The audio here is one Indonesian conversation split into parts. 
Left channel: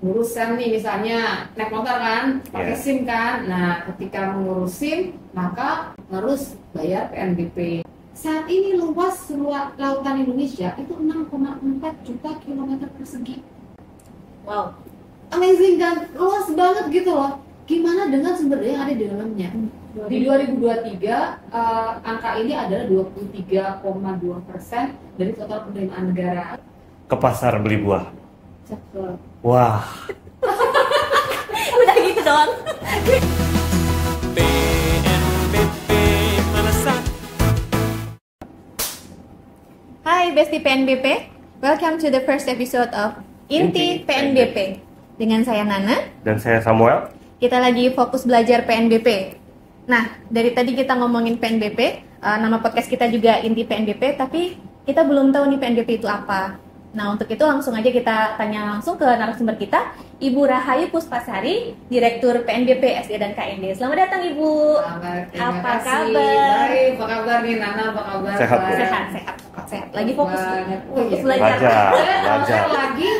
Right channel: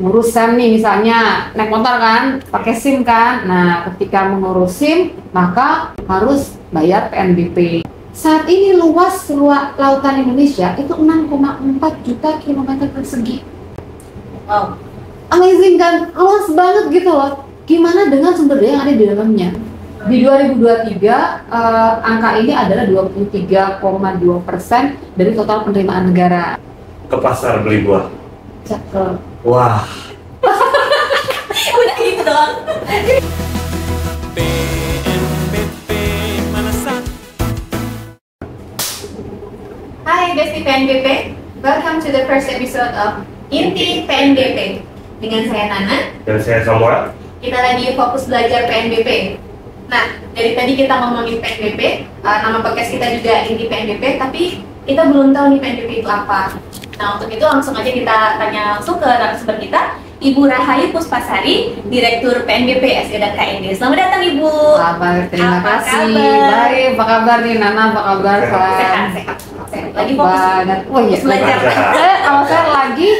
ngurus SIM nih, misalnya naik motor kan, pakai SIM kan. Nah, ketika mengurus SIM, maka harus bayar PNBP. Saat ini luas lautan Indonesia itu 6,4 juta kilometer persegi. Wow, Amazing kan? Luas banget gitu loh. Gimana dengan sumber daya yang ada di dalamnya? Di 2023, angka ini adalah 23,2% dari total penerimaan negara. Ke pasar beli buah. Cakep. Wah. udah gitu doang. PNBP Malasan. Hai Besti PNBP, welcome to the first episode of Inti PNBP. Dengan saya Nana, Dan saya Samuel. kita lagi fokus belajar PNBP. Nah, dari tadi kita ngomongin PNBP, nama podcast kita juga Inti PNBP, tapi kita belum tahu nih PNBP itu apa. Nah, untuk itu langsung aja kita tanya langsung ke narasumber kita, Ibu Rahayu Puspasari, Direktur PNBP SD dan KND. Selamat datang Ibu. Terima Apa kasih. kabar? Baik, apa kabar nih Nana? Apa kabar? Sehat, sehat. Lagi fokus banget. Oh iya, belajar. Kalau saya lagi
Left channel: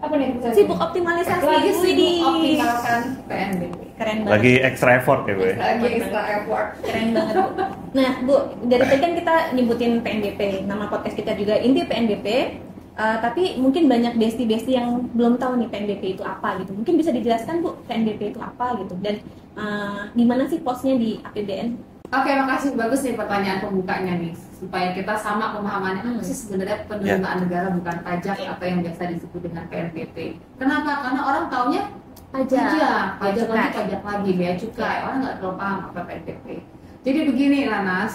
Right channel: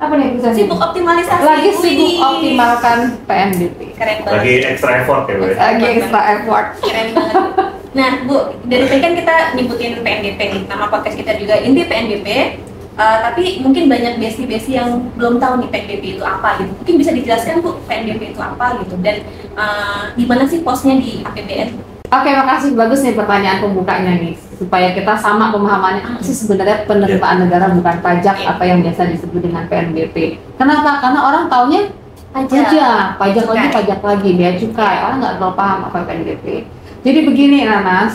apa nih bisa Sibuk optimalisasi. lagi sibuk Widih. optimalkan PNBP. Keren banget. Lagi extra effort ya, Bu. Lagi extra effort. Keren banget. Nah, Bu, dari tadi kan kita nyebutin PNBP nih. Nama podcast kita juga Inti PNBP. Tapi mungkin banyak besti-besti yang belum tahu nih PNBP itu apa gitu. Mungkin bisa dijelaskan Bu, PNBP itu apa gitu, dan di mana sih posnya di APBN? Oke, makasih, bagus nih pertanyaan pembukanya nih, supaya kita sama pemahamannya apa sih sebenarnya penerimaan negara bukan pajak, apa yang biasa disebut dengan PNBP. Kenapa? Karena orang taunya pajak lagi, bea cukai. Orang nggak terlalu paham apa PNBP. Jadi begini Nana,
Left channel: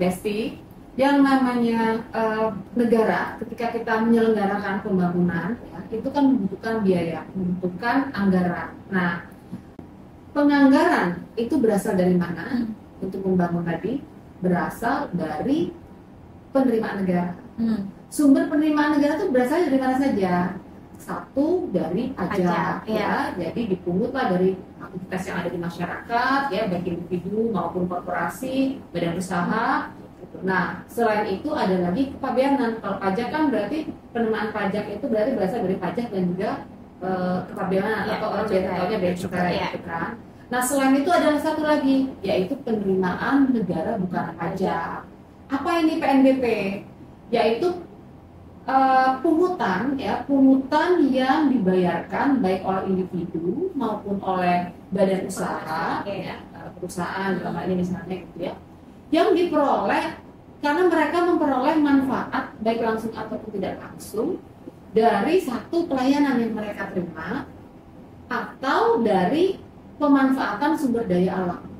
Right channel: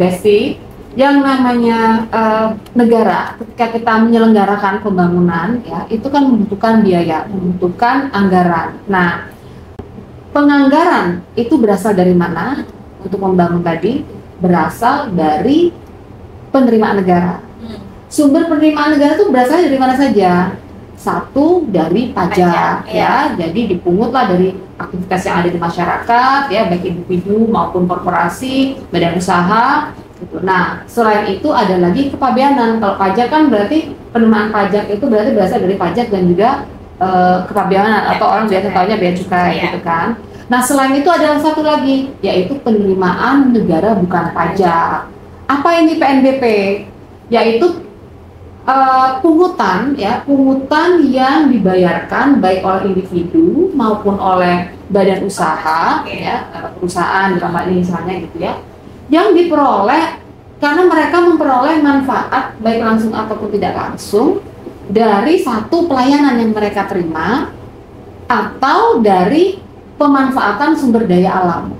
Besti, yang namanya negara ketika kita menyelenggarakan pembangunan ya, itu kan membutuhkan biaya, membutuhkan anggaran. Nah, penganggaran itu berasal dari mana? Untuk membangun tadi berasal dari penerimaan negara. Sumber penerimaan negara itu berasal dari mana saja? Satu, dari pajak ya. Jadi dipungutlah dari aktivitas yang ada di masyarakat ya, baik individu maupun korporasi, badan usaha gitu. Nah, selain itu ada lagi kepabeanan. Kalau pajak kan berarti penerimaan pajak itu berarti berasal dari pajak dan juga kepabeanan atau orang biasa tahunya bea cukai gitu kan. Nah, selain itu ada satu lagi, yaitu penerimaan negara bukan pajak. Apa ini PNBP? Yaitu pungutan yang dibayarkan baik oleh individu maupun oleh badan usaha ya, perusahaan dalam hal ini misalnya gitu ya, yang diperoleh karena mereka memperoleh manfaat baik langsung ataupun tidak langsung dari satu pelayanan yang mereka terima atau dari pemanfaatan sumber daya alam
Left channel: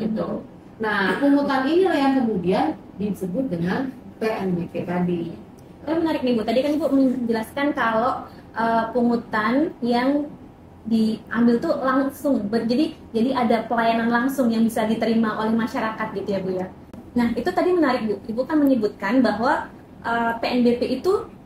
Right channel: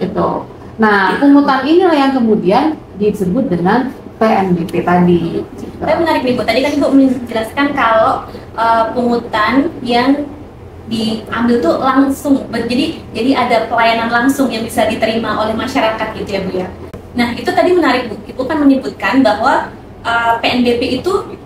gitu. Nah, pungutan inilah yang kemudian disebut dengan PNBP tadi. Tapi menarik nih Bu, tadi kan Ibu menjelaskan kalau pungutan yang diambil tuh langsung, jadi ada pelayanan langsung yang bisa diterima oleh masyarakat gitu ya Bu ya. Nah, itu tadi menarik Bu, Ibu kan menyebutkan bahwa PNBP itu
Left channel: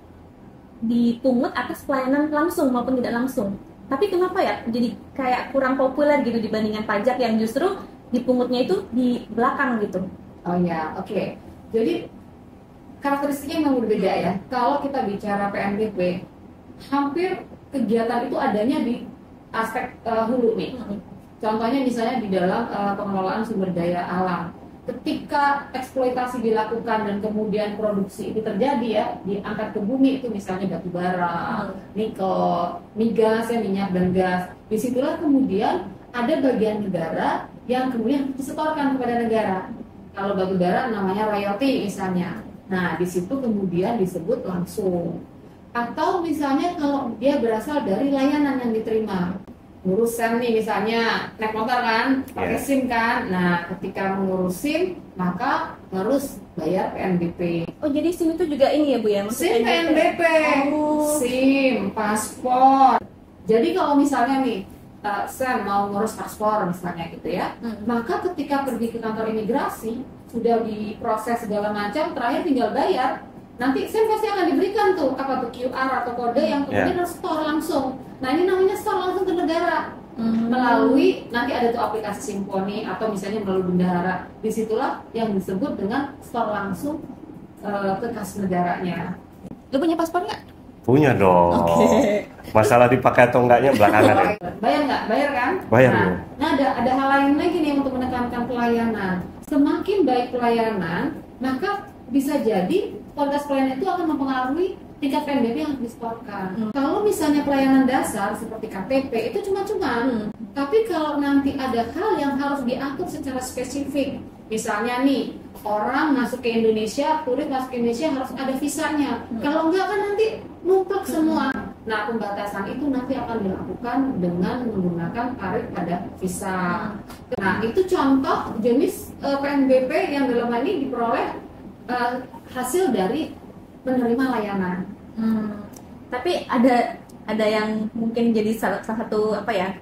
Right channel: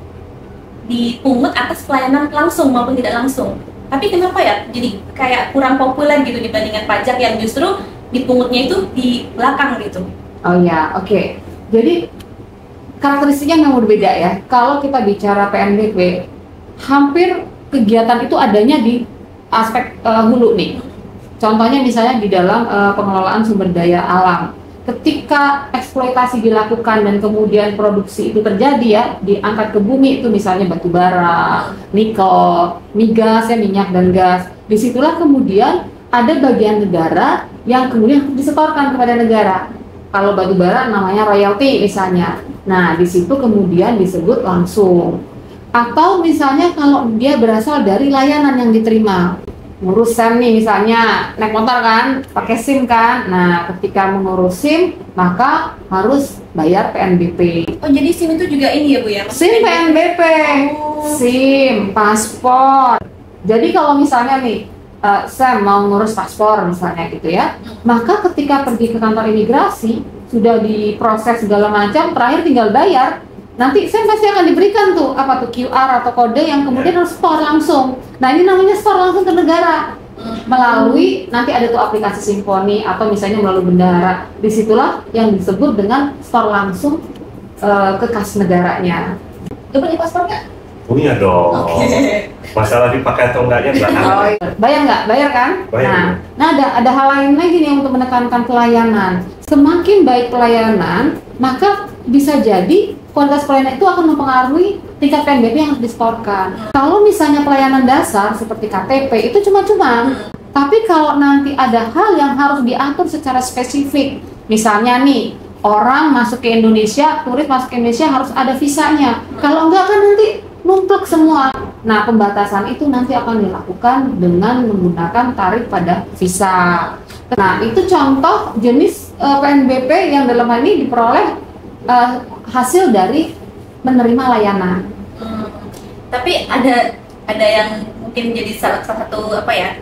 dipungut atas pelayanan langsung maupun tidak langsung. Tapi kenapa ya jadi kayak kurang populer gitu dibandingkan pajak yang justru dipungutnya itu di belakang gitu? Oh ya, oke. Jadi karakteristiknya memang berbeda ya. Kalau kita bicara PNBP, hampir kegiatan itu adanya di aspek hulu nih. Contohnya misalnya di dalam pengelolaan sumber daya alam. Ketika eksploitasi dilakukan dan kemudian produksi itu terjadi ya, diangkat ke bumi itu misalnya batu bara, nikel, migas ya, minyak dan gas. Disitulah kemudian ada bagian negara yang kemudian disetorkan kepada negara. Kalau batu bara namanya royalti misalnya. Nah, di situ kemudian disebut langsung. Atau misalnya kalau dia berasal dari layanan yang diterima. Ngurus SIM nih misalnya, naik motor kan, pakai SIM kan. Nah, ketika mengurus SIM, maka harus bayar PNBP. Oh, jadi SIM itu juga ini ya Bu ya? SIM PNBP, SIM, paspor. Jadi kalau misalnya nih, saya mau ngurus paspor misalnya gitu ya, maka ketika pergi ke kantor imigrasi, sudah diproses segala macam, terakhir tinggal bayar. Nanti saya pasti akan diberikan tuh apa tuh QR atau kode yang kemudian harus store langsung. Nah, ini namanya store langsung ke negara melalui nanti ada tuh aplikasi Simponi atau misalnya melalui bendahara. Disitulah yang disebut dengan store langsung ke kas negaranya. Lu punya paspor nggak? Punya dong. Masalah dipakai atau enggaknya belakangan. Oh, iya. Bayar nggak? Bayar kan? Bayar. Nah ada hal lain lagi nih untuk menekankan pelayanan. Semakin baik pelayanan, maka bisa jadi kualitas pelayanan itu akan mempengaruhi tingkat PNBP yang harus disetorkan. Kalau misalnya pelayanan dasar seperti KTP itu cuma-cuma, tapi kalau nanti ada hal yang harus diatur secara spesifik, misalnya nih orang masuk ke Indonesia, turis masuk ke Indonesia harus ada visanya. Kalau enggak kan nanti numplek semua. Nah, pembatasan itu nanti akan dilakukan dengan menggunakan tarif pada visa. Nah, itu contoh jenis PNBP yang dalam hal ini diperoleh hasil dari menerima layanan. Tapi ada yang mungkin jadi salah satu apa ya,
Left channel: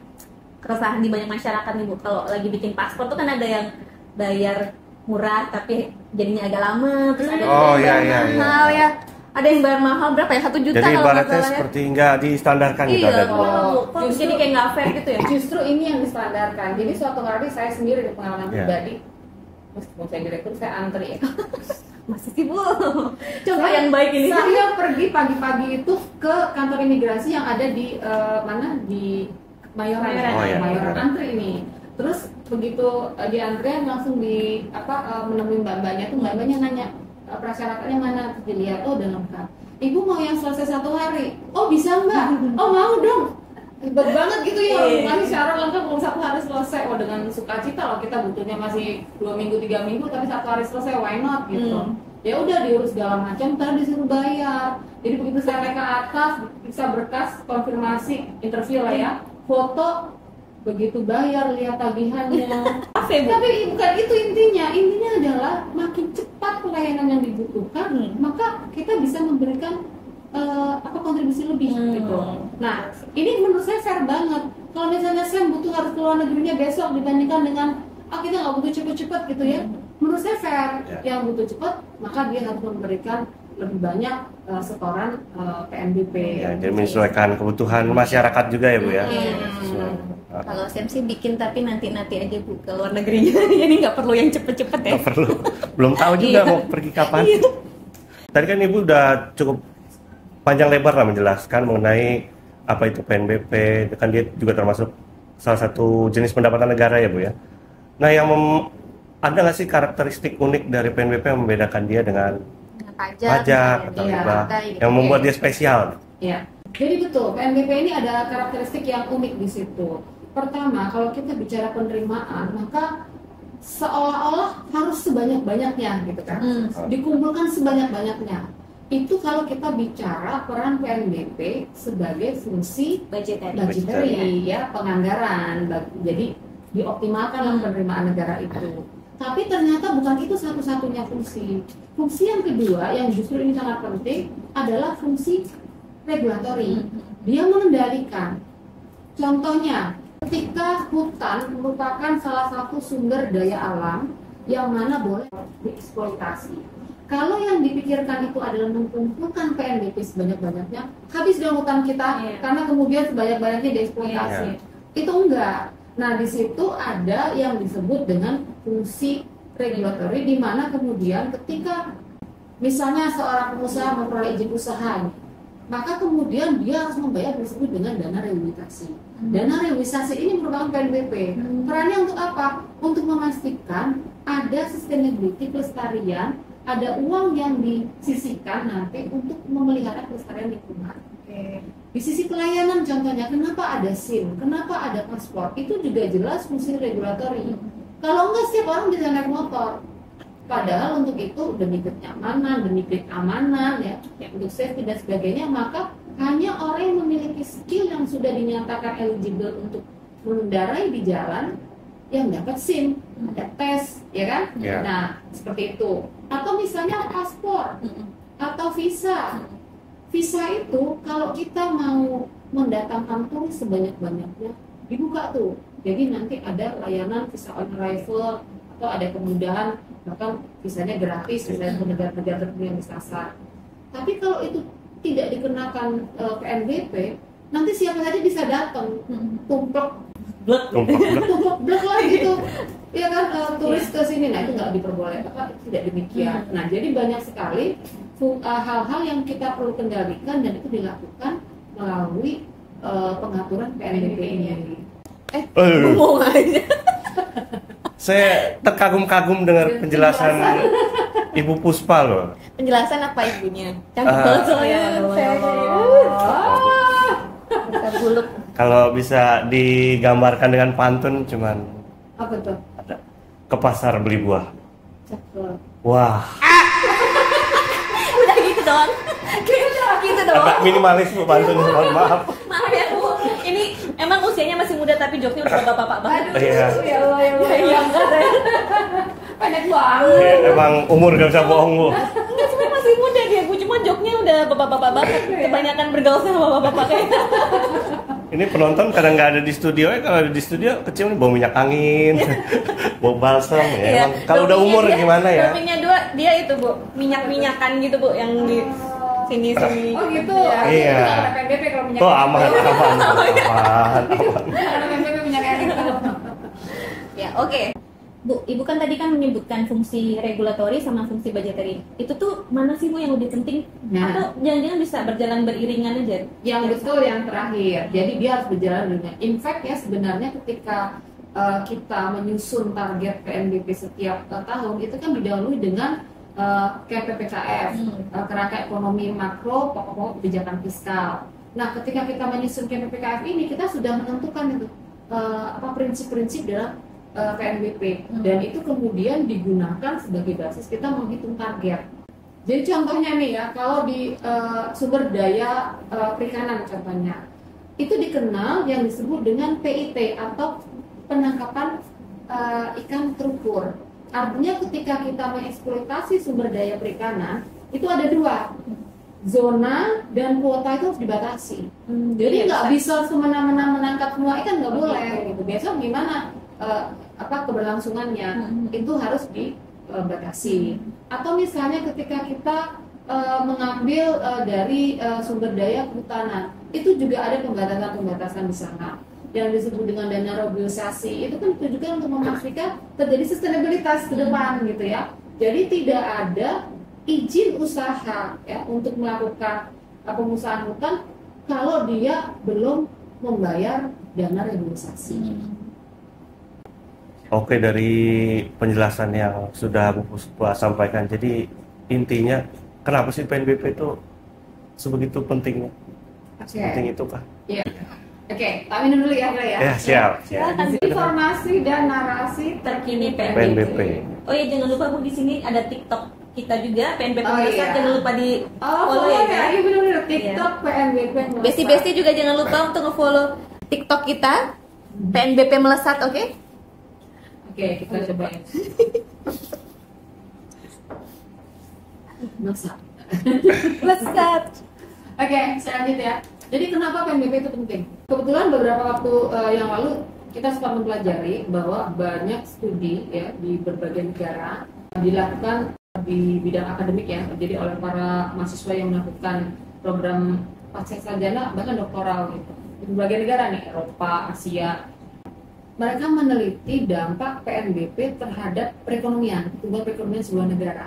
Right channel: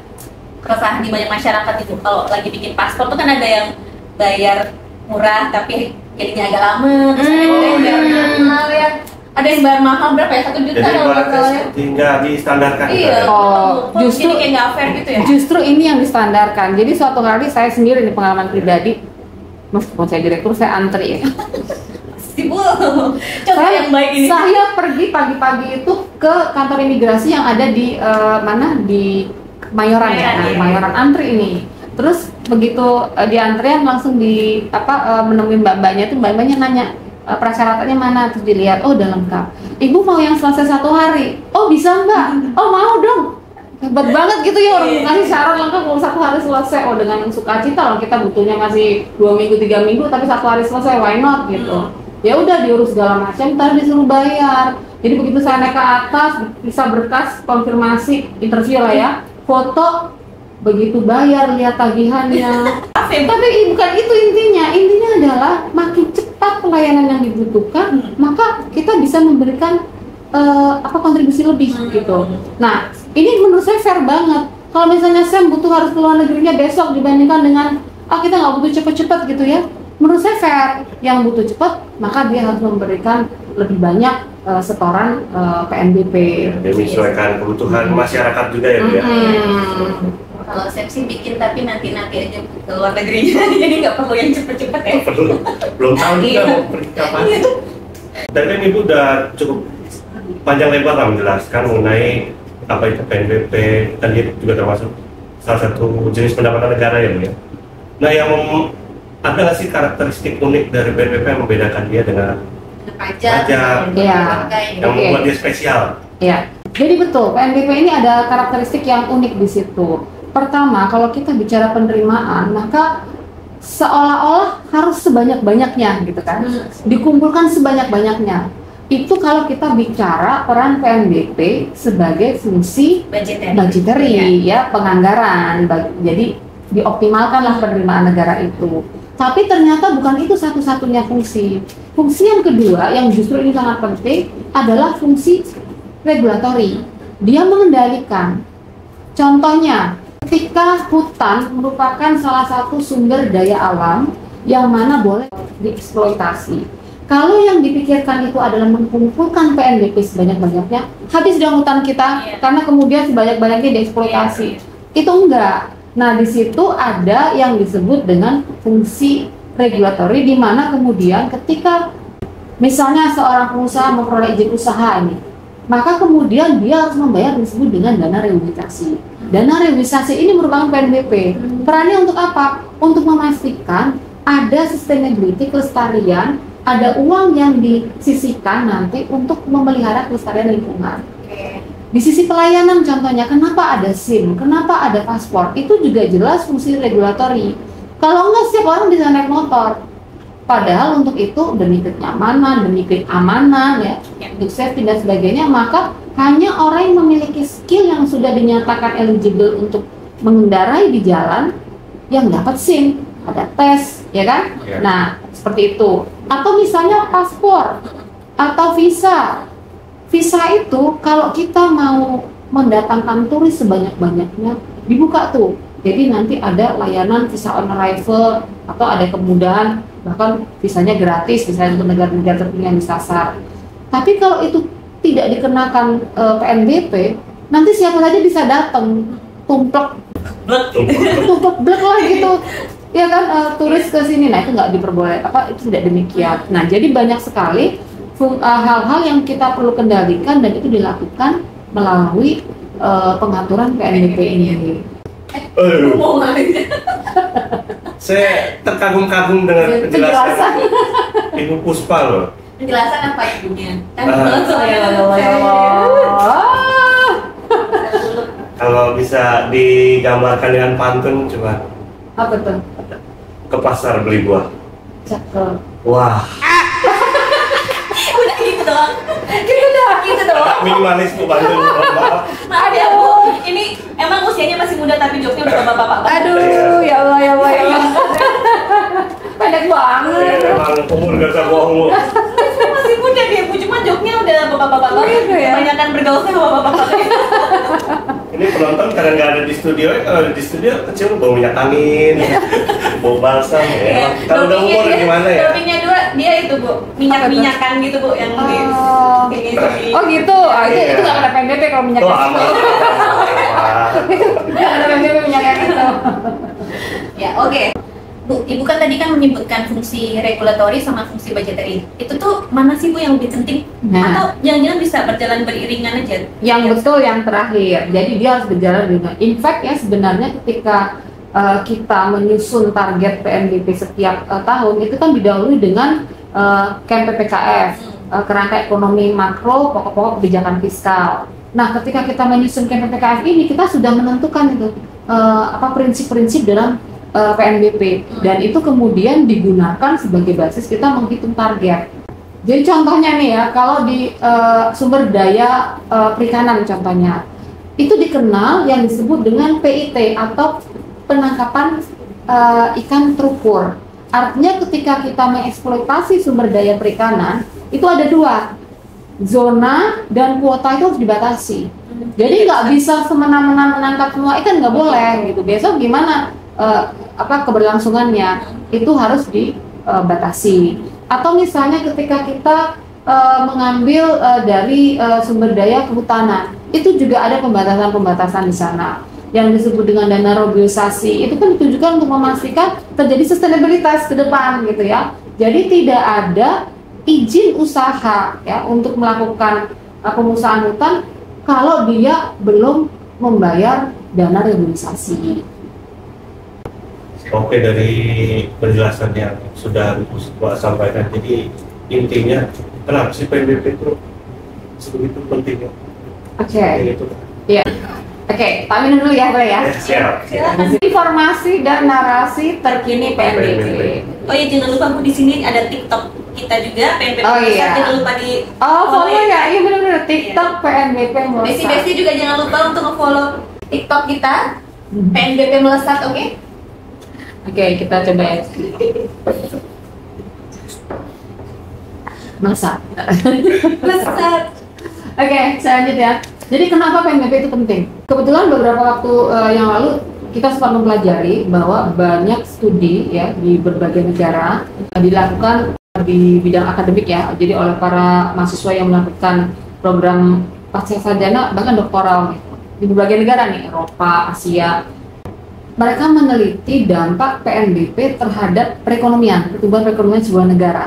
keresahan di banyak masyarakat itu kalau lagi bikin paspor tuh kan ada yang bayar murah tapi jadinya agak lama, terus ada yang bayar mahal ya. Ada yang bayar mahal berapa ya? 1 juta Jadi kalau nggak salah ya. seperti nggak distandarkan. Iya. Oh, Justru jadi kayak nggak fair gitu ya. Justru ini yang distandarkan. Jadi suatu kali saya sendiri di pengalaman pribadi, meskipun saya direktur, saya antri ya. Sibuk. Coba yang baik ini. Saya pergi pagi-pagi itu ke kantor imigrasi yang ada di mana, di Kemayoran ya, Kemayoran, antri ini. Terus begitu di antrian langsung menemui mbak-mbaknya itu, mbak-mbaknya nanya persyaratannya mana, terus dilihat, oh udah lengkap. Ibu mau yang selesai 1 hari? Oh bisa mbak? Oh mau dong. Hebat banget gitu ya orang ngasih syarat lengkap kalau 1 hari selesai. Oh dengan sukacita loh, kita butuhnya masih 2 minggu 3 minggu tapi 1 hari selesai, why not gitu. Ya udah diurus segala macam, ntar disuruh bayar. Jadi begitu saya naik ke atas, bisa berkas konfirmasi interview lah ya, foto, begitu bayar lihat tagihannya. Tapi bukan itu intinya. Intinya adalah makin cepat pelayanan yang dibutuhkan, maka kita bisa memberikan kontribusi lebih gitu. Nah, ini menurut saya fair banget. Kalau misalnya Sam butuh harus keluar negerinya besok dibandingkan dengan kita nggak butuh cepet-cepet gitu ya. Menurut saya fair. Yang butuh cepat, maka dia harus memberikan lebih banyak setoran PNBP. Jadi menyesuaikan kebutuhan masyarakat juga ya Bu ya. Kalau Sam sih bikin tapi nanti aja Bu ke luar negerinya. Jadi nggak perlu yang cepet-cepet ya. Belum tahu juga mau pergi kapan. Tadi kan Ibu udah cukup panjang lebar lah menjelaskan mengenai apa itu PNBP, kan dia juga termasuk salah satu jenis pendapatan negara ya Bu ya. Nah, yang ada nggak sih karakteristik unik dari PNBP yang membedakan dia dengan pajak yang membuat dia spesial? Iya. Jadi betul, PNBP ini ada karakteristik yang unik di situ. Pertama, kalau kita bicara penerimaan, maka seolah-olah harus sebanyak-banyaknya gitu kan, dikumpulkan sebanyak-banyaknya. Itu kalau kita bicara peran PNBP sebagai fungsi budgetary ya, penganggaran. Jadi dioptimalkanlah penerimaan negara itu. Tapi ternyata bukan itu satu-satunya fungsi. Fungsi yang kedua yang justru ini sangat penting adalah fungsi regulatory. Dia mengendalikan. Contohnya, ketika hutan merupakan salah satu sumber daya alam yang mana boleh dieksploitasi. Kalau yang dipikirkan itu adalah mengumpulkan PNBP sebanyak-banyaknya, habis dong hutan kita karena kemudian sebanyak-banyaknya dieksploitasi. Itu enggak. Nah, di situ ada yang disebut dengan fungsi regulatory, di mana kemudian ketika misalnya seorang pengusaha memperoleh izin usaha ini, maka kemudian dia harus membayar yang disebut dengan dana rehabilitasi. Dana rehabilitasi ini merupakan PNBP. Perannya untuk apa? Untuk memastikan ada sustainability, kelestarian, ada uang yang disisihkan nanti untuk memelihara kelestarian lingkungan. Di sisi pelayanan contohnya, kenapa ada SIM, kenapa ada paspor, itu juga jelas fungsi regulatory. Kalau enggak, setiap orang bisa naik motor. Padahal untuk itu demi kenyamanan, demi keamanan ya, untuk safety dan sebagainya, maka hanya orang yang memiliki skill yang sudah dinyatakan eligible untuk mengendarai di jalan yang dapat SIM, ada tes, ya kan? Nah, seperti itu. Atau misalnya paspor atau visa. Visa itu kalau kita mau mendatangkan turis sebanyak-banyaknya, dibuka tuh. Jadi nanti ada layanan visa on arrival atau ada kemudahan, bahkan visanya gratis misalnya untuk negara-negara tertentu yang disasar. Tapi kalau itu tidak dikenakan PNBP, nanti siapa saja bisa datang, tumplek lah gitu. Ya kan, turis ke sini, nah itu nggak diperbolehkan, itu tidak demikian. Nah, jadi banyak sekali hal-hal yang kita perlu kendalikan dan itu dilakukan melalui pengaturan PNBP ini. Ngomong aja. Saya terkagum-kagum dengan penjelasan Ibu Puspa loh. Penjelasan apa ibunya? Cantik banget soalnya. Kalau bisa digambarkan dengan pantun cuma Apa tuh? ke pasar beli buah. Cakep. Wah, Udah gitu doang. Udah gitu doang. agak minimalis Bu pantun. Mohon maaf. Maaf ya Bu, ini emang usianya masih muda tapi joknya udah bapak-bapak banget. Aduh, Iya. ya Allah ya Allah. Ya Allah. Pendek banget. Ya, emang umur gak usah bohong Bu. Saya masih muda deh Bu, cuma joknya udah bapak-bapak banget. Aduh, ya. Kebanyakan bergaul sama bapak-bapak. Ini penonton karena nggak ada di studio, kalau ada di studio kecil bawa minyak angin, bawa balsam. Ya. Kalau udah umur gimana ya? Dopingnya dua, dia itu Bu, minyak-minyakan gitu Bu, yang di Oh. sini. Oh gitu, itu Iya. nggak kena PNBP kalau minyak Oh itu. aman. Nggak kena PNBP minyak itu. Ya, oke. Bu, Ibu kan tadi kan menyebutkan fungsi regulatory sama fungsi budgetary. Itu tuh mana sih Bu yang lebih penting? Nah. Atau jangan-jangan bisa berjalan beriringan aja? Yang betul yang terakhir. Jadi dia harus berjalan dengan. In fact ya sebenarnya ketika kita menyusun target PNBP setiap tahun itu kan didahului dengan KMPPKF, kerangka ekonomi makro, pokok-pokok kebijakan fiskal. Nah, ketika kita menyusun KMPPKF ini kita sudah menentukan itu prinsip-prinsip dalam PNBP dan itu kemudian digunakan sebagai basis kita menghitung target. Jadi contohnya nih ya, kalau di sumber daya perikanan contohnya, itu dikenal yang disebut dengan PIT atau penangkapan ikan terukur. Artinya ketika kita mengeksploitasi sumber daya perikanan, itu ada dua, zona dan kuota itu harus dibatasi. Jadi nggak bisa semena-mena menangkap semua ikan, nggak boleh gitu. Besok gimana keberlangsungannya itu harus dibatasi. Atau misalnya ketika kita mengambil dari sumber daya kehutanan, itu juga ada pembatasan-pembatasan di sana yang disebut dengan dana robiosasi. Itu kan ditujukan untuk memastikan terjadi sustainabilitas ke depan gitu ya. Jadi tidak ada izin usaha ya untuk melakukan pengusahaan hutan kalau dia belum membayar dana regulasi. Oke, dari penjelasan yang sudah Bu Puspa sampaikan, jadi intinya kenapa sih PNBP itu sebegitu pentingnya? Oke. Ini itu Pak. Iya. Oke, Pak minum dulu ya, Bre ya. Ya, siap. Informasi dan narasi terkini PNBP. Oh iya, jangan lupa Bu, di sini ada TikTok kita juga, PNBP Oh, Melesat, iya. jangan lupa di Follow ya. ya, iya benar-benar TikTok PNBP Melesat. Besti-besti juga jangan lupa untuk nge-follow TikTok kita, PNBP Melesat, oke? Oke, kita coba ya. Melesat. Melesat. Oke, selanjutnya. Jadi kenapa PNBP itu penting? Kebetulan beberapa waktu yang lalu kita sempat mempelajari bahwa banyak studi ya di berbagai negara dilakukan di bidang akademik ya, jadi oleh para mahasiswa yang melakukan program pasca sarjana bahkan doktoral gitu, di berbagai negara nih, Eropa, Asia. Mereka meneliti dampak PNBP terhadap perekonomian, pertumbuhan perekonomian sebuah negara.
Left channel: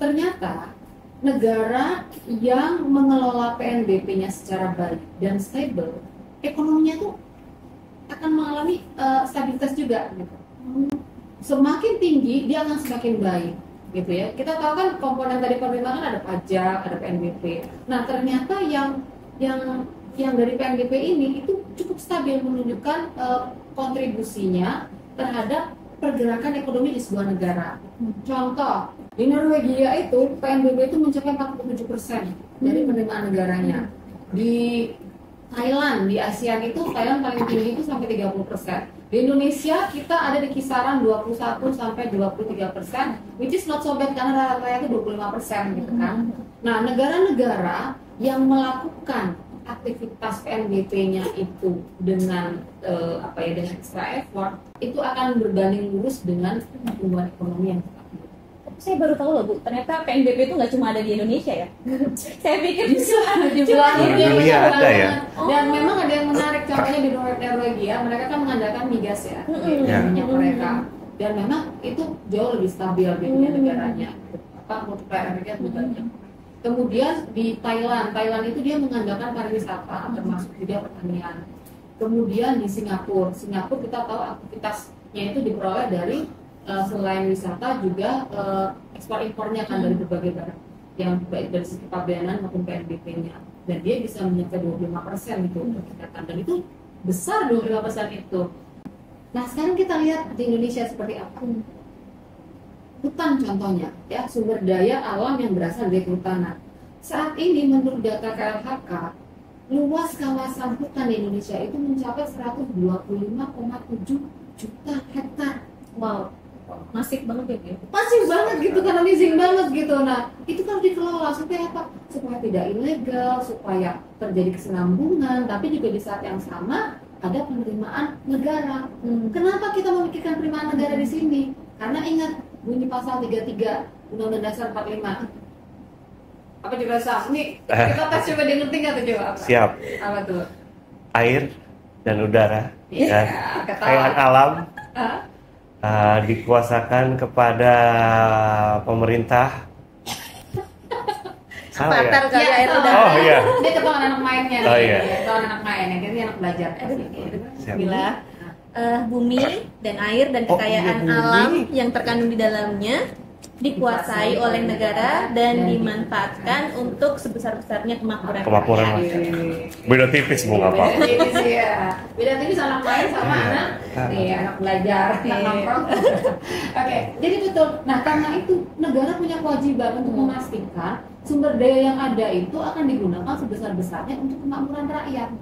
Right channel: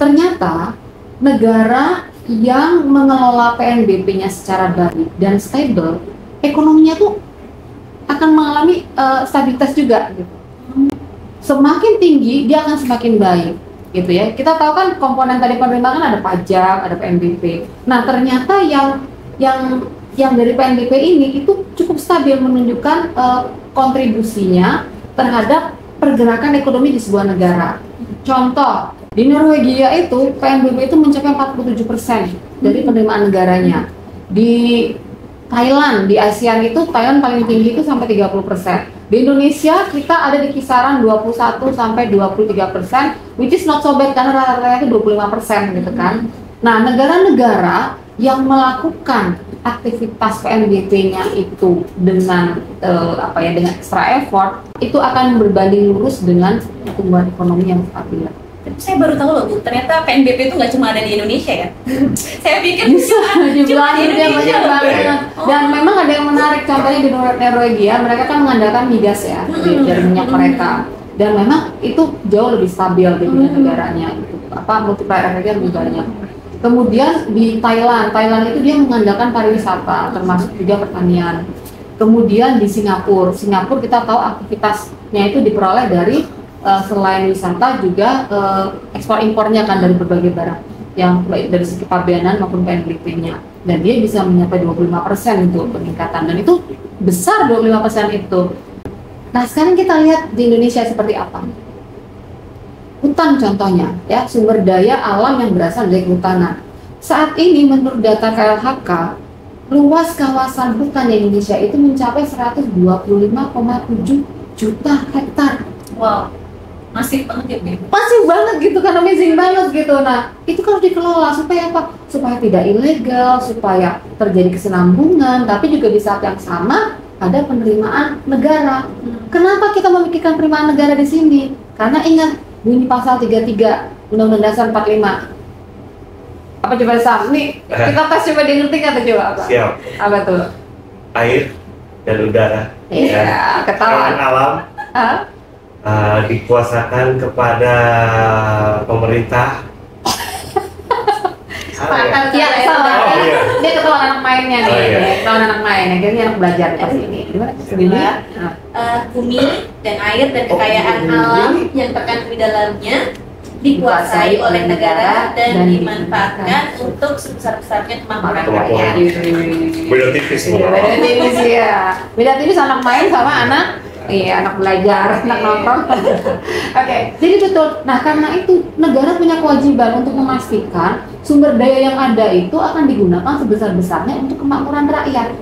Ternyata negara yang mengelola PNBP-nya secara baik dan stable, ekonominya tuh akan mengalami stabilitas juga gitu. Semakin tinggi dia akan semakin baik gitu ya. Kita tahu kan komponen tadi penerimaan ada pajak, ada PNBP. Nah, ternyata yang dari PNBP ini itu cukup stabil menunjukkan kontribusinya terhadap pergerakan ekonomi di sebuah negara. Contoh, di Norwegia itu PNBP itu mencapai 47% dari penerimaan negaranya. Di Thailand, di ASEAN itu Thailand paling tinggi itu sampai 30%. Di Indonesia kita ada di kisaran 21 sampai 23%, which is not so bad karena rata-rata itu 25% gitu kan. Nah, negara-negara yang melakukan aktivitas PNBP-nya itu dengan dengan extra effort itu akan berbanding lurus dengan pertumbuhan ekonomi yang stabil. Saya baru tahu loh Bu, ternyata PNBP itu nggak cuma ada di Indonesia ya. Saya pikir Bisa dibilang di itu yang Indonesia. banyak banget. ya. Dan memang ada yang menarik, contohnya di Norwegia mereka kan mengandalkan migas ya dari minyak mereka, dan memang itu jauh lebih stabil di dunia negaranya gitu. Multiplier efeknya lebih banyak. Kemudian di Thailand itu dia mengandalkan pariwisata, termasuk juga pertanian. Kemudian di Singapura kita tahu aktivitasnya itu diperoleh dari selain wisata juga ekspor impornya kan dari berbagai barang yang baik dari segi pabeanan maupun PNBP-nya, dan dia bisa mencapai 25% untuk peningkatan, dan itu besar 25% itu. Nah sekarang kita lihat di Indonesia seperti apa. Hutan contohnya, ya, sumber daya alam yang berasal dari kehutanan. Saat ini menurut data KLHK, luas kawasan hutan di Indonesia itu mencapai 125,7 juta hektar. Wow, masif banget ya, Bu? Masif banget gitu kan, amazing banget gitu. Nah, itu kalau dikelola supaya apa? Supaya tidak ilegal, supaya terjadi kesinambungan, tapi juga di saat yang sama ada penerimaan negara. Kenapa kita memikirkan penerimaan negara di sini? Karena ingat bunyi pasal 33 Undang-Undang Dasar 45. Apa coba Sam? Nih, kita tes coba dia ngerti nggak tuh, coba apa? Siap. Apa tuh? Air dan udara. Iya, ketahuan. Alam Hah? dikuasakan kepada pemerintah. Sepakat Iya, ya, salah. Oh, iya. Dia ketahuan anak mainnya nih, Oh, iya. ketahuan anak main. Akhirnya anak belajarnya sini. Gimana? Kedua, bumi dan air dan kekayaan alam yang terkandung di dalamnya dikuasai oleh negara dan dimanfaatkan untuk sebesar-besarnya kemampuan rakyat. Beda tipis Iya, beda tipis ya. Beda tipis anak main sama anak anak belajar, anak nonton. Oke, jadi betul. Nah, karena itu negara punya kewajiban untuk memastikan sumber daya yang ada itu akan digunakan sebesar-besarnya untuk kemakmuran rakyat.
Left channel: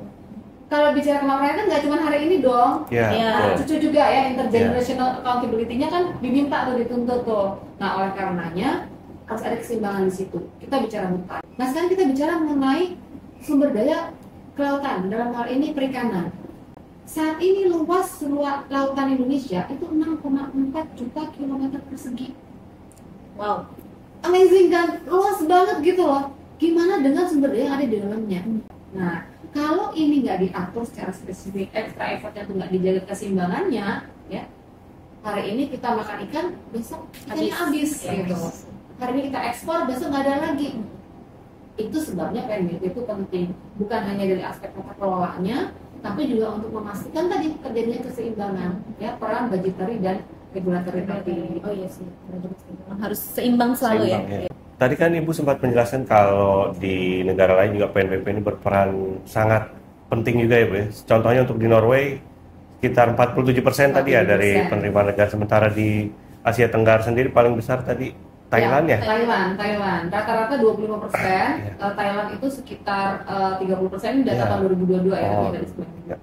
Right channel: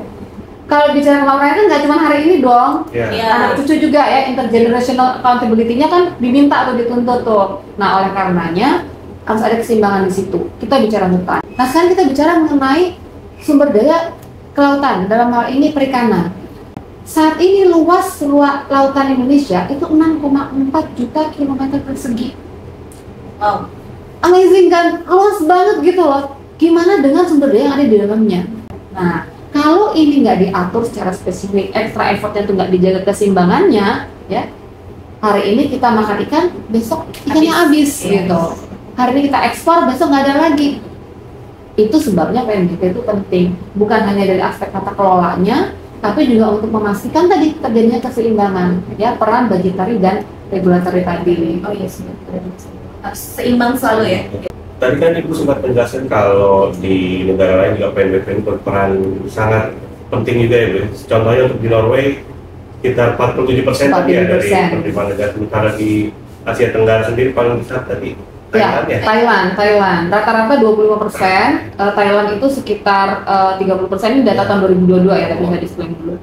Kalau bicara kemakmuran kan nggak cuma hari ini dong. Ya. Anak cucu juga ya, intergenerational accountability-nya kan diminta atau dituntut tuh. Nah, oleh karenanya harus ada keseimbangan di situ. Kita bicara hutan. Nah, sekarang kita bicara mengenai sumber daya kelautan, dalam hal ini perikanan. Saat ini luas lautan Indonesia itu 6,4 juta kilometer persegi. Wow. Amazing kan? Luas banget gitu loh. Gimana dengan sumber daya yang ada di dalamnya? Nah, kalau ini nggak diatur secara spesifik, extra effortnya tuh nggak dijaga keseimbangannya, ya, hari ini kita makan ikan, besok ikannya habis gitu. Hari ini kita ekspor, besok nggak ada lagi. Itu sebabnya PNBP itu penting, bukan hanya dari aspek tata kelolanya, tapi juga untuk memastikan tadi terjadinya keseimbangan, ya, peran budgetary dan regulatory tadi. Oh iya, harus seimbang selalu ya. Tadi kan Ibu sempat menjelaskan kalau di negara lain juga PNBP ini berperan sangat penting juga ya, Bu. Contohnya untuk di Norway sekitar 47% tadi ya dari penerimaan negara, sementara di Asia Tenggara sendiri paling besar tadi Thailand ya? Thailand. Rata-rata 25%, Thailand itu sekitar 30%, ini data tahun 2022 ya, tapi nggak disclaimer dulu.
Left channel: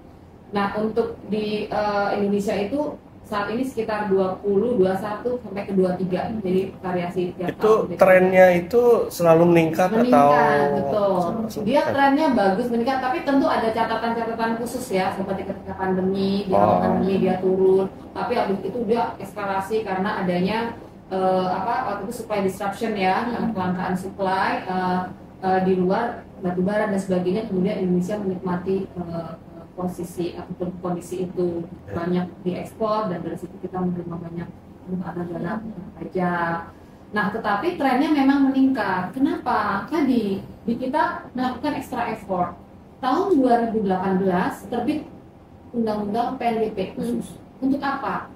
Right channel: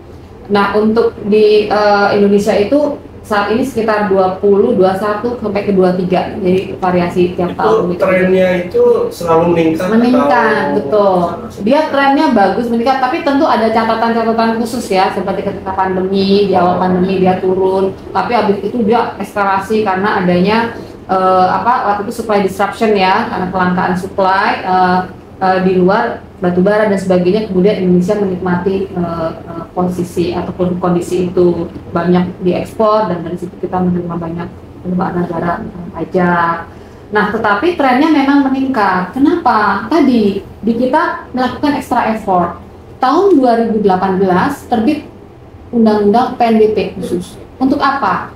Nah, untuk di Indonesia itu saat ini sekitar 20, 21 sampai ke 23, jadi variasi tiap tahun. Itu trennya itu selalu meningkat atau... Betul. Dia trennya bagus meningkat, tapi tentu ada catatan-catatan khusus ya, seperti ketika pandemi, di awal pandemi dia turun, tapi habis itu dia eskalasi karena adanya waktu itu supply disruption ya, karena kelangkaan supply di luar batubara dan sebagainya, kemudian Indonesia menikmati posisi ataupun kondisi itu, banyak diekspor dan dari situ kita menerima banyak penerimaan negara pajak. Nah, tetapi trennya memang meningkat. Kenapa? Tadi di kita melakukan extra effort. Tahun 2018 terbit Undang-Undang PNBP khusus. Untuk apa?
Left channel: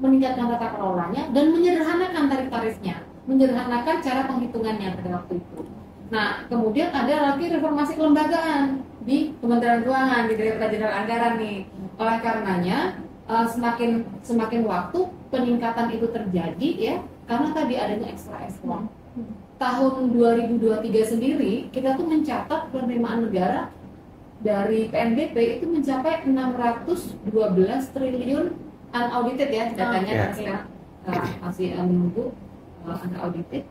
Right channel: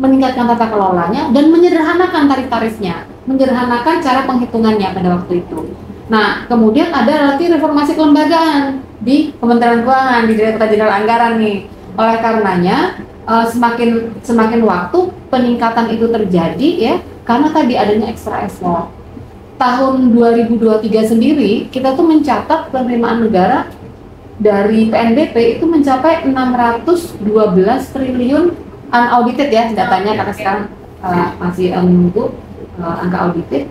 Meningkatkan tata kelolanya dan menyederhanakan tarif-tarifnya, menyederhanakan cara penghitungannya pada waktu itu. Nah, kemudian ada lagi reformasi kelembagaan di Kementerian Keuangan, di Direktorat Jenderal Anggaran nih. Oleh karenanya, semakin waktu peningkatan itu terjadi ya, karena tadi adanya extra effort. Tahun 2023 sendiri, kita tuh mencatat penerimaan negara dari PNBP itu mencapai 612 triliun unaudited ya datanya, karena sekarang masih menunggu angka audited.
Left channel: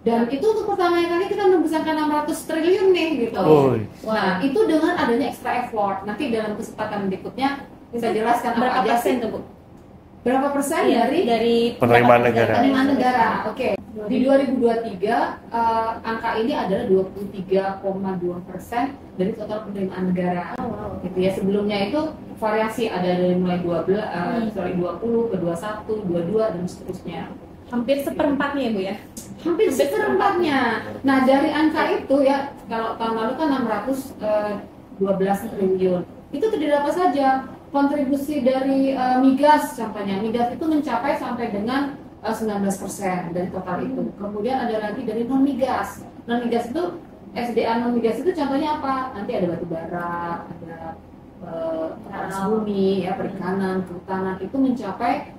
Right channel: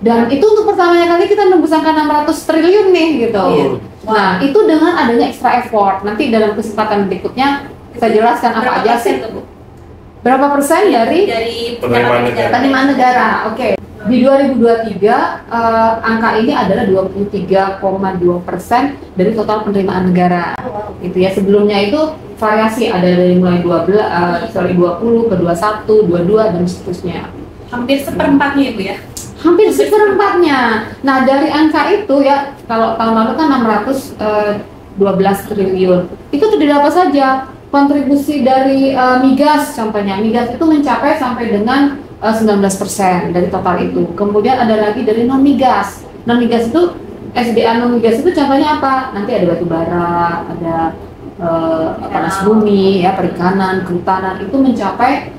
Dan itu untuk pertamanya kali kita nembus angka 600 triliun nih gitu. Nah, itu dengan adanya extra effort. Nanti dalam kesempatan berikutnya saya jelaskan apa aja sih. Berapa persen dari penerimaan negara? Oke. Di 2023 angka ini adalah 23,2% dari total penerimaan negara. Itu ya, sebelumnya itu variasi, ada dari mulai 20 ke 21, 22 dan seterusnya. Hampir seperempatnya Bu ya. hampir seperempatnya. Nah dari angka itu ya, kalau tahun lalu kan 612 triliun, itu terdiri apa saja? Kontribusi dari migas contohnya, migas itu mencapai sampai dengan 19% dari total itu. Kemudian ada lagi dari non migas. Non migas itu SDA non migas itu contohnya apa? Nanti ada batu bara, ada panas bumi, ya perikanan, kehutanan itu mencapai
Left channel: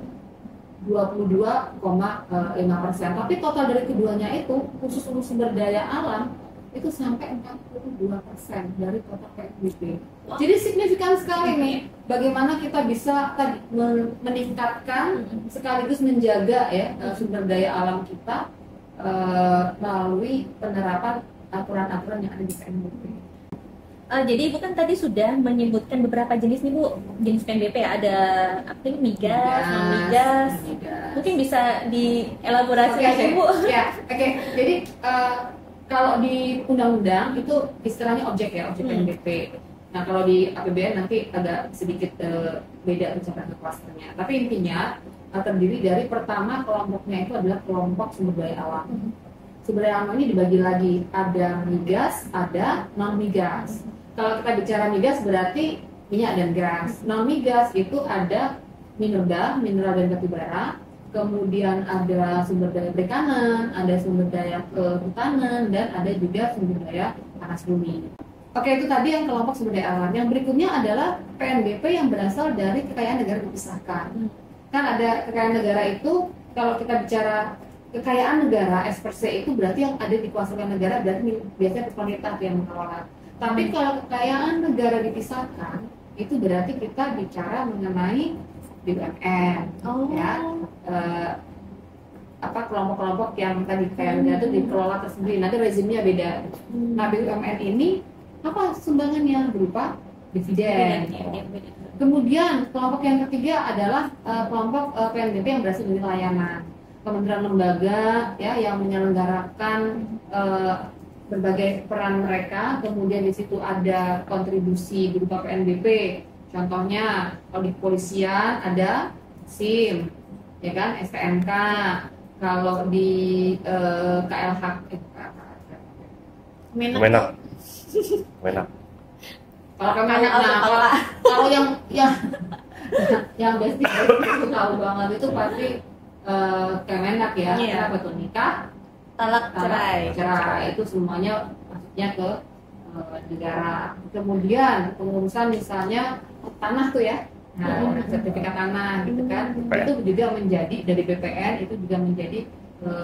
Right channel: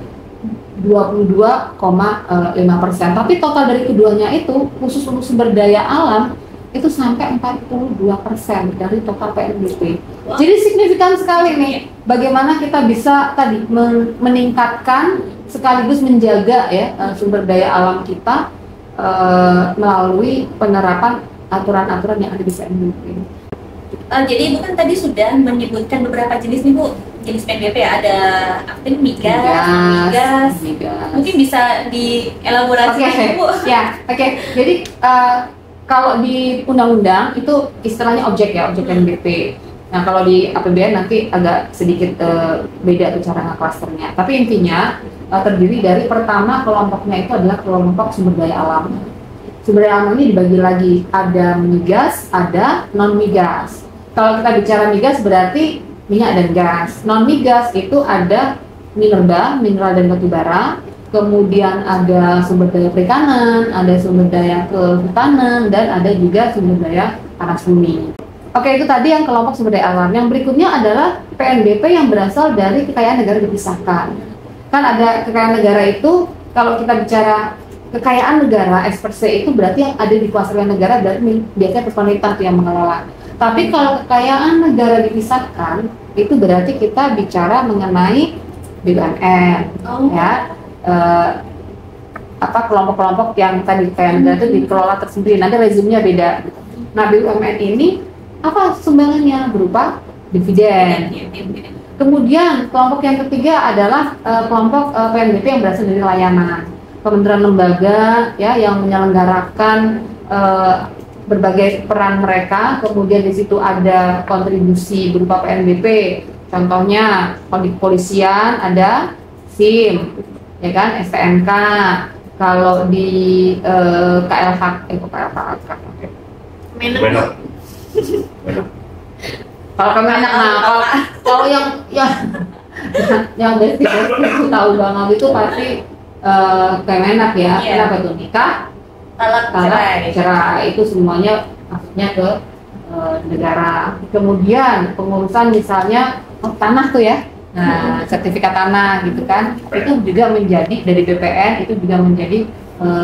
22,5%. Tapi total dari keduanya itu khusus untuk sumber daya alam itu sampai 42% dari total PNBP. Jadi signifikan sekali nih bagaimana kita bisa tadi meningkatkan sekaligus menjaga ya sumber daya alam kita melalui penerapan aturan-aturan yang ada di PNBP. Jadi Ibu kan tadi sudah menyebutkan beberapa jenis nih Bu, jenis PNBP ya, ada aktif migas. Mungkin bisa dielaborasi Bu. Ya, oke. Jadi kalau di undang-undang itu istilahnya objek PNBP. Nah kalau di APBN nanti agak sedikit beda tuh cara nge-clusternya. Tapi intinya terdiri dari pertama kelompoknya itu adalah kelompok sumber daya alam. Sumber daya alam ini dibagi lagi, ada migas, ada non migas. Kalau kita bicara migas berarti minyak dan gas. Non migas itu ada minerba, mineral dan batu bara. Kemudian ada sumber daya perikanan, ada sumber daya kehutanan, dan ada juga sumber daya panas bumi. Oke, itu tadi yang kelompok sumber daya alam. Yang berikutnya adalah PNBP yang berasal dari kekayaan negara dipisahkan. Kan ada kekayaan negara itu, kalau kita bicara kekayaan negara, X per se itu berarti yang ada dikuasai negara dan biasanya pemerintah yang mengelola. Tapi kalau kekayaan negara dipisahkan, itu berarti kita bicara mengenai BUMN, ya. Kelompok-kelompok yang tadi kekayaan negara itu dikelola tersendiri, nanti rezimnya beda. Nah BUMN ini apa sumbangannya? Berupa dividen. Kemudian kelompok yang ketiga adalah kelompok PNBP yang berasal dari layanan, kementerian lembaga ya yang menyelenggarakan berbagai peran mereka. Kemudian di situ ada kontribusi berupa PNBP, contohnya kalau di kepolisian ada SIM, ya kan, STNK. Kalau di KLH, Menok. Kalau Kemenak, kalau yang basic aku tahu banget itu pasti Kemenak ya. Kenapa tuh? Nikah, talak, cerai itu semuanya maksudnya ke negara. Kemudian pengurusan misalnya tanah tuh ya. Nah, sertifikat tanah gitu kan, itu juga menjadi dari BPN, itu juga menjadi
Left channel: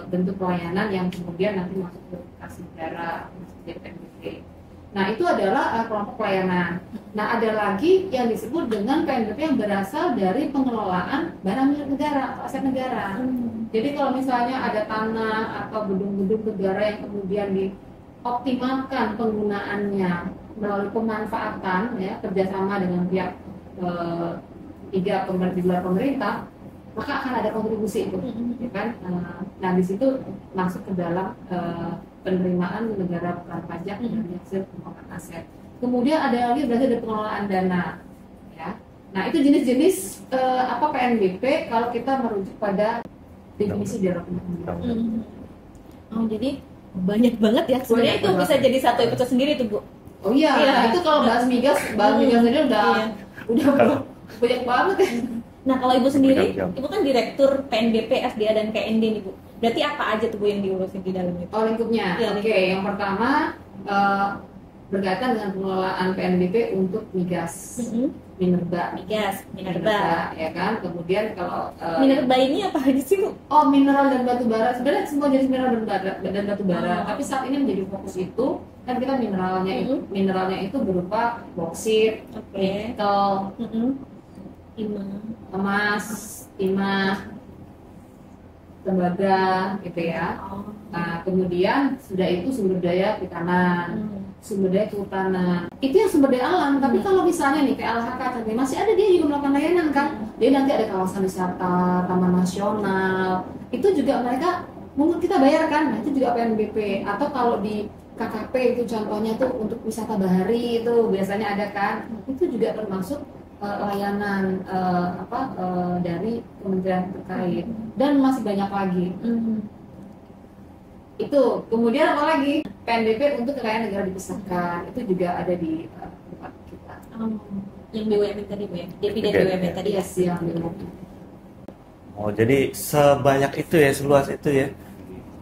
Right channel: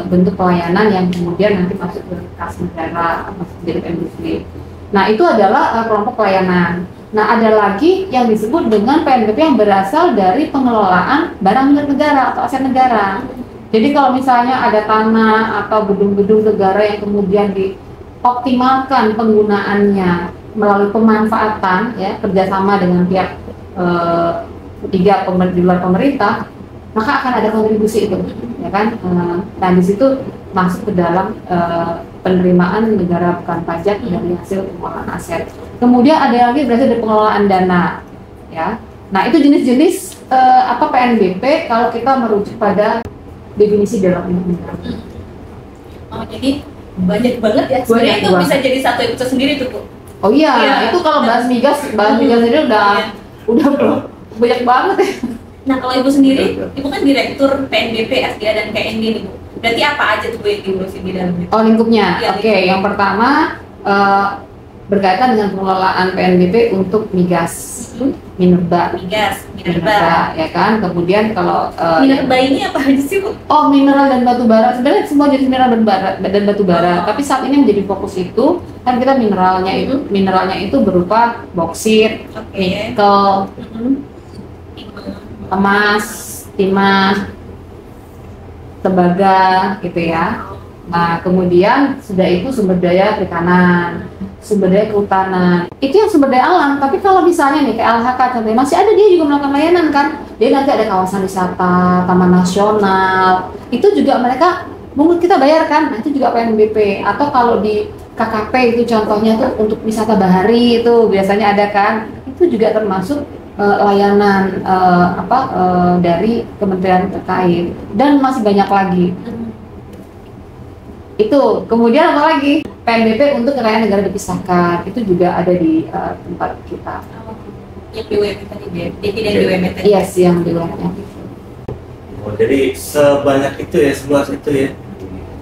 bentuk pelayanan yang kemudian nanti masuk ke kas negara, masuk jadi PNBP. Nah, itu adalah kelompok pelayanan. Nah, ada lagi yang disebut dengan PNBP yang berasal dari pengelolaan barang milik negara atau aset negara. Jadi kalau misalnya ada tanah atau gedung-gedung negara yang kemudian dioptimalkan penggunaannya melalui pemanfaatan, ya kerjasama dengan pihak ketiga di luar pemerintah, maka akan ada kontribusi itu, ya kan? Nah di situ masuk ke dalam penerimaan negara bukan pajak dari hasil pengelolaan aset. Kemudian ada lagi berarti dari pengelolaan dana, ya. Nah itu jenis-jenis PNBP kalau kita merujuk pada definisi dalam undang-undang. Oh jadi banyak banget ya. Sebenarnya itu bisa jadi satu episode sendiri tuh Bu. Oh iya, itu kalau bahas migas ini udah banyak banget ya. Nah kalau Ibu sendiri, Ibu kan direktur PNBP, SDA dan KND nih Bu. Berarti apa aja tuh Bu yang diurusin di dalamnya? Oh lingkupnya. Ya, Oke, yang pertama berkaitan dengan pengelolaan PNBP untuk migas, minerba, ya kan. Kemudian kalau minerba ini apa aja sih Bu? Oh, mineral dan batu bara. Sebenarnya semua jenis mineral dan batu bara. Tapi saat ini menjadi fokus itu kan kita mineralnya itu berupa boksit, nikel, emas, timah, tembaga, gitu ya. Nah, kemudian sudah itu sumber daya perikanan, sumber daya kehutanan. Itu yang sumber daya alam. Tapi kalau misalnya nih kayak LHK contohnya masih ada, dia juga melakukan layanan kan. Dia nanti ada kawasan wisata, taman nasional. Itu juga mereka mungkin kita bayarkan. Nah, itu juga PNBP. Atau kalau di KKP itu contohnya tuh untuk wisata bahari itu biasanya ada kan. Itu juga termasuk layanan dari kementerian terkait dan masih banyak lagi. Itu, kemudian apa lagi? PNBP untuk kekayaan negara dipisahkan, itu juga ada di tempat kita. Oh, yang BUMN tadi, dividen BUMN tadi. Iya sih, yang di luarnya. Oh, jadi sebanyak itu ya, seluas itu ya.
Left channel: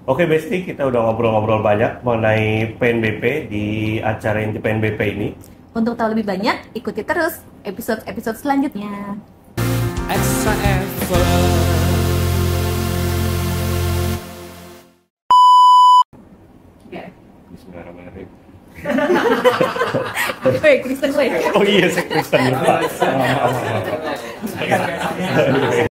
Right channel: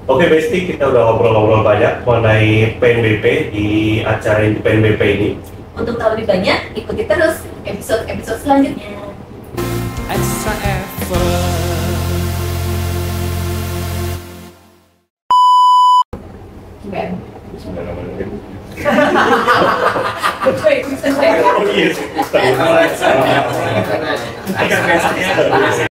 Oke, Besti, kita udah ngobrol-ngobrol banyak mengenai PNBP di acara Inti PNBP ini. Untuk tahu lebih banyak, ikuti terus episode-episode selanjutnya. Extra effort. Baik, bisa saya. Oh iya, saya Kristen.